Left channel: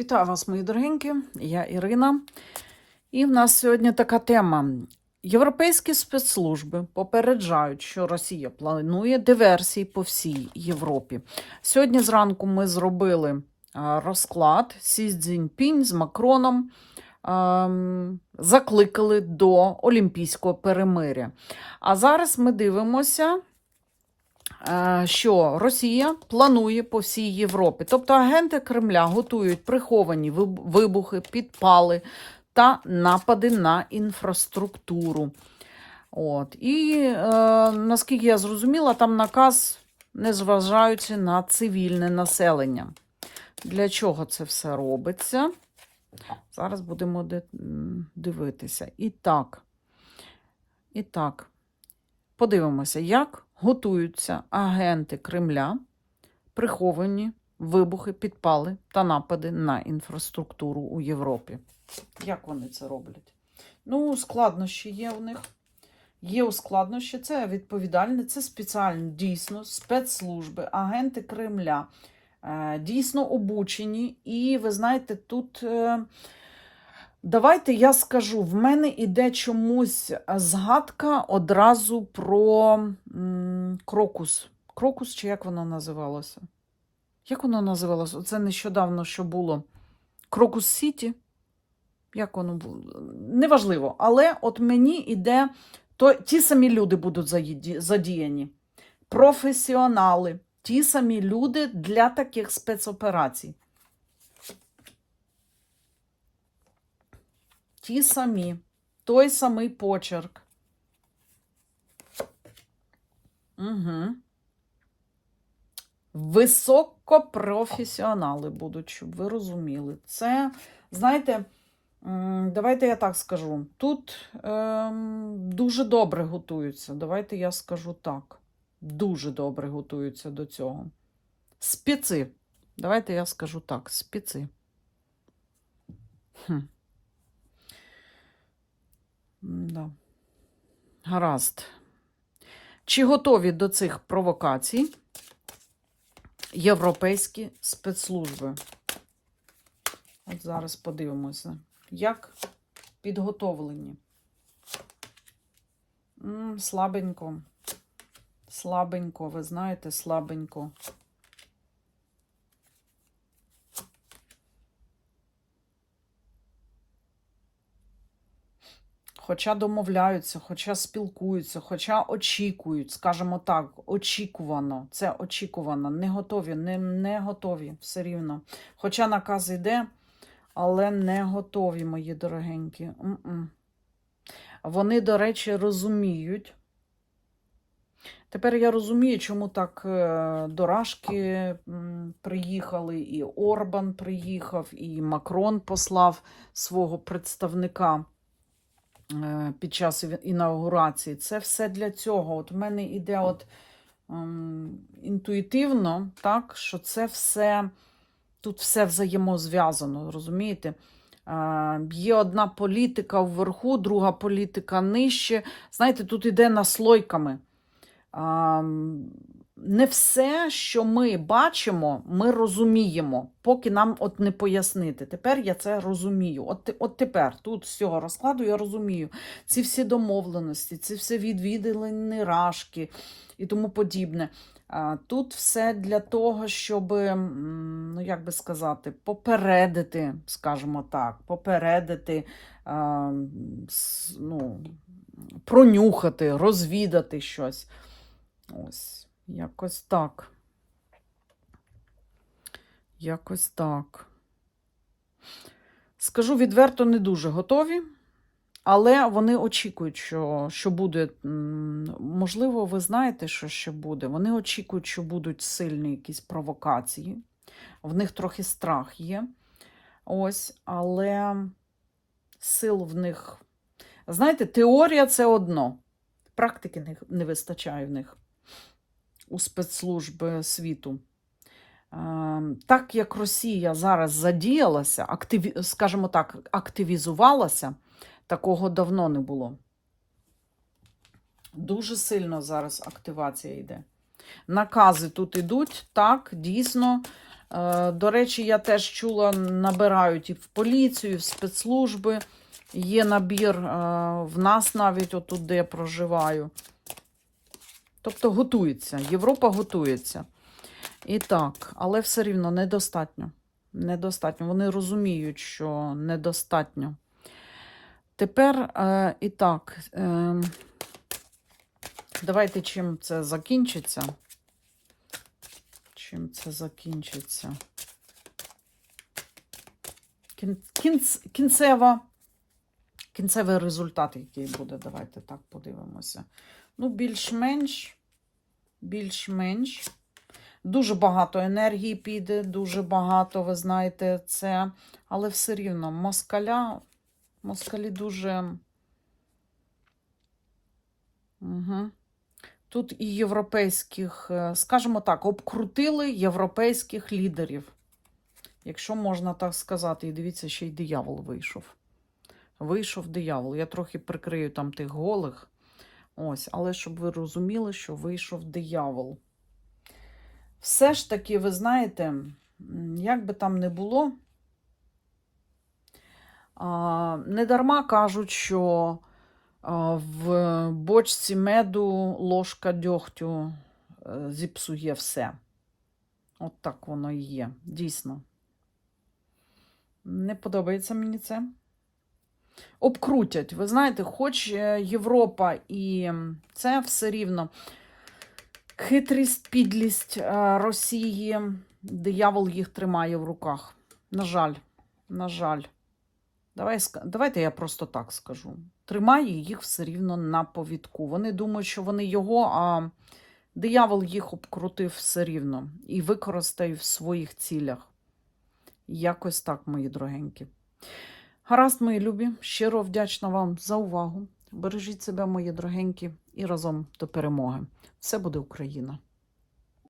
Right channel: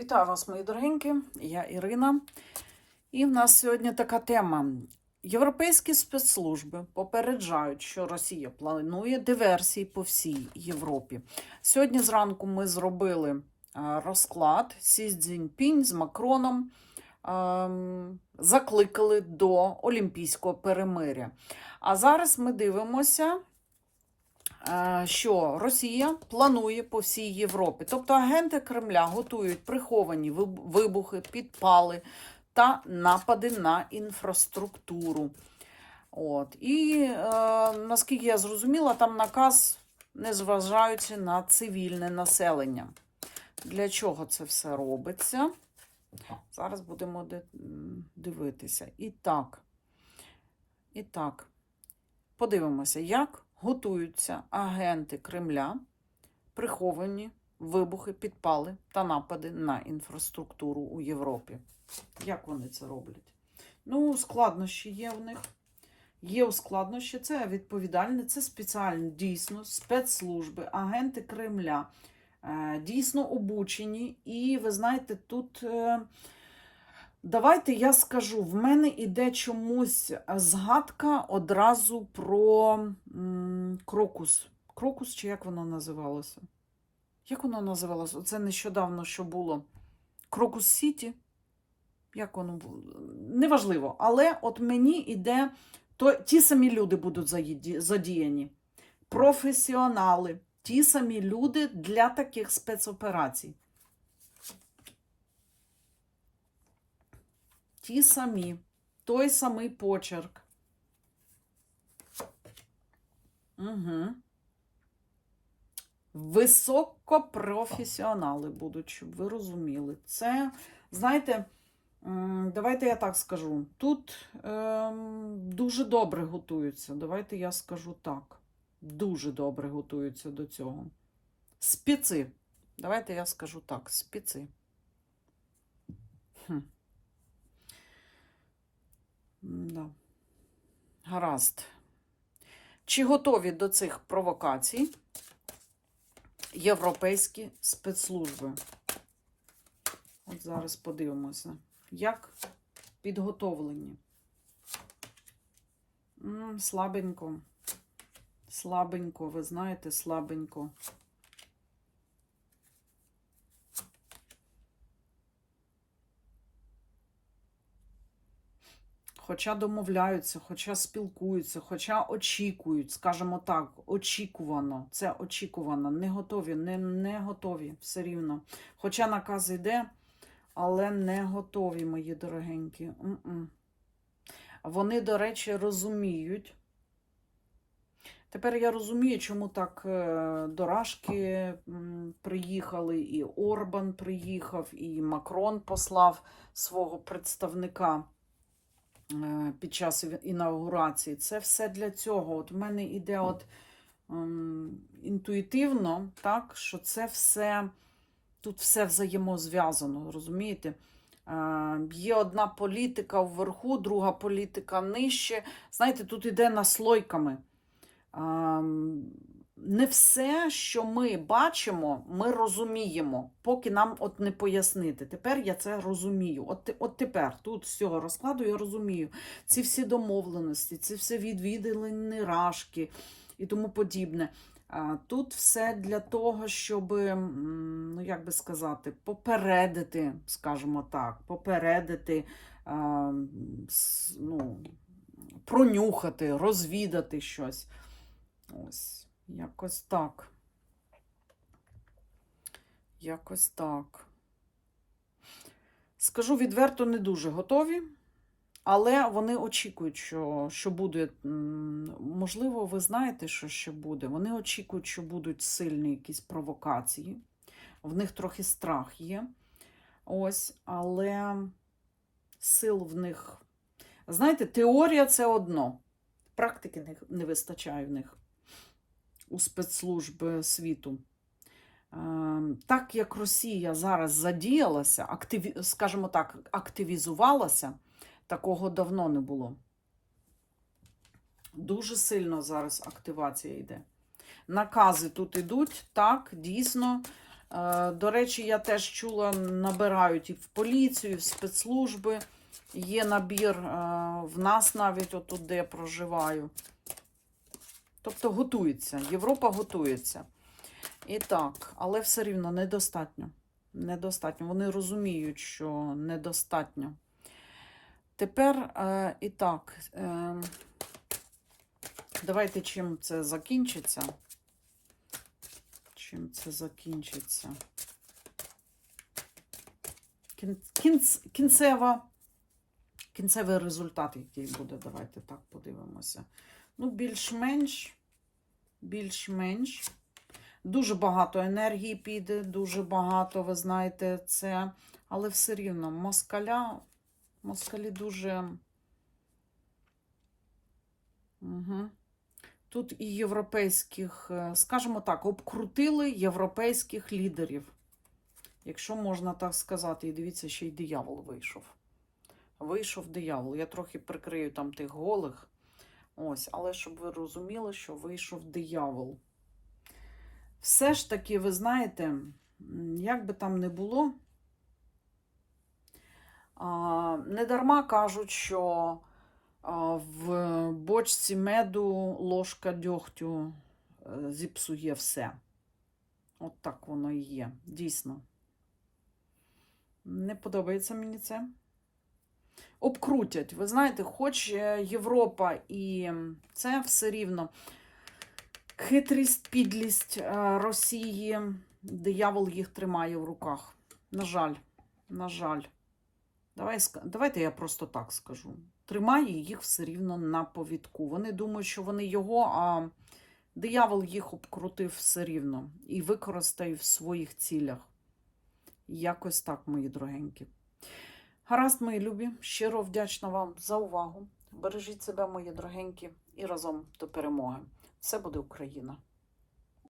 Вітаю вас, мої дорогенькі, я Ірина. І в нас сьогодні така тема. Європейські спецслужби попереджають, що Росія планує диверсії по всій Європі. Сьогодні зранку ми зробили розклад Сі Цзіньпінь з Макроном. Закликали до Олімпійського перемиря. А зараз ми дивимося, що Росія планує по всій Європі. Тобто агенти Кремля готують приховані вибухи, підпали та напади на інфраструктуру. От. І е, наскільки я зрозуміла, там наказ не зважаючи на цивільне населення. Для чого це все робиться? Зараз будемо дивитися. І так. І так, подивимося, як готуються агенти Кремля, приховані вибухи, підпали та напади на інфраструктуру у Європі. Як вони це роблять? Ну, складнощі є у них. Є у складнощі, це відповідальні, це спеціальні, дійсно, спецслужби, агенти Кремля, е, дійсно обучені. І ви знаєте, тут. Е, Давайте я скажу, в мене іде чомусь згадка одразу про крокус. Крокус, чи як воно називалося? Як воно називалося? Це нещодавно що було. Крокус Сіті. Як воно було? Неважливо. Але от мені іде, то ті самі люди будуть заді- задіяні. Професіонали, ті самі люди для таких спецоперацій. Ті самі, той самий почерк. Угу. Високопрофесіонали будуть, щоб ви розуміли. Це, знаєте, давайте я так скажу. Тут ем, дуже добре готуються. Давайте я скажу так. Дуже добре готуються до цього. Спеці. Давайте я скажу так: спеці. Хм. Да. Гаразд. Чи готові до цих провокацій європейські спецслужби? От зараз подивимося, як підготовлені. М, слабенько. Слабенько, ви знаєте, слабенько. Хоча домовляються, хоча спілкуються, хоча очікують, скажімо так, очікувано. Це очікувано. Не готові, не, не готові все рівно. Хоча наказ йде, але не готові, мої дорогенькі. М-м. Вони, до речі, розуміють. Тепер я розумію, чому так е, дорашки приїхали, і Орбан приїхав, і Макрон послав свого представника під час інаугурації. Це все для цього. От в мене іде от ем, інтуїтивно, так, що це все тут все взаємозв'язано, розумієте? Е, Є одна політика вверху, друга політика нижче. Знаєте, тут іде наслойками. Не все, що ми бачимо, ми розуміємо, поки нам от не пояснити. Тепер я це розумію. От, от тепер, тут з цього розкладу я розумію ці всі домовленості, ці всі відвідини рашки і тому подібне. Тут все для того, щоб, ну як би сказати, попередити, скажімо так, попередити, ну, пронюхати, розвідати щось. Ось, якось так. Якось так. Скажу відверто, не дуже готові, але вони очікують, що, що буде. Можливо, ви знаєте, що ще буде. Вони очікують, що будуть сильні якісь провокації. В них трохи страх є. Ось, але сил в них. Знаєте, теорія це одно. Практики не, вистачає в них у спецслужби світу. Е, Так як Росія зараз задіялася, активі, скажімо так, активізувалася, такого давно не було. Дуже сильно зараз активація йде. Накази тут ідуть, так, дійсно, Е, До речі, я теж чула, набирають і в поліцію, і в спецслужби. Є набір е, в нас навіть отут, де я проживаю. Тобто готується. Європа готується. І так, але все рівно недостатньо. Недостатньо. Вони розуміють, що недостатньо. Тепер е, і так, е, давайте чим це закінчиться. Чим це закінчиться? Кін, кінц, кінцева, кінцевий результат, який буде, давайте так подивимося. Ну, більш-менш, більш-менш. Дуже багато енергії піде, дуже багато, ви знаєте, це. Але все рівно москаля, москалі дуже. Угу. Тут і європейських, е, скажімо так, обкрутили європейських лідерів. Якщо можна так сказати, і дивіться, ще й диявол вийшов. Вийшов диявол. Я трохи прикрию там тих голих. Ось, але щоб ви розуміли, що вийшов диявол. Все ж таки, ви знаєте, як би там не було, а, не дарма кажуть, що в бочці меду ложка дьогтю е, зіпсує все. От так воно і є, дійсно. Не подобається мені це. Обкрутять. Ви знаєте, хоч е, Європа і це все рівно. Хитрість, підлість е, Росії, диявол їх тримає в руках. На жаль, на жаль. Давай, давайте я просто так скажу. Тримає їх все рівно на повідку. Вони думають, що вони його, а диявол їх обкрутив все рівно і використає в своїх цілях. Якось так, мої дорогенькі. Гаразд, мої любі, щиро вдячна вам за увагу. Бережіть себе, мої дорогенькі, і разом до перемоги. Все буде Україна!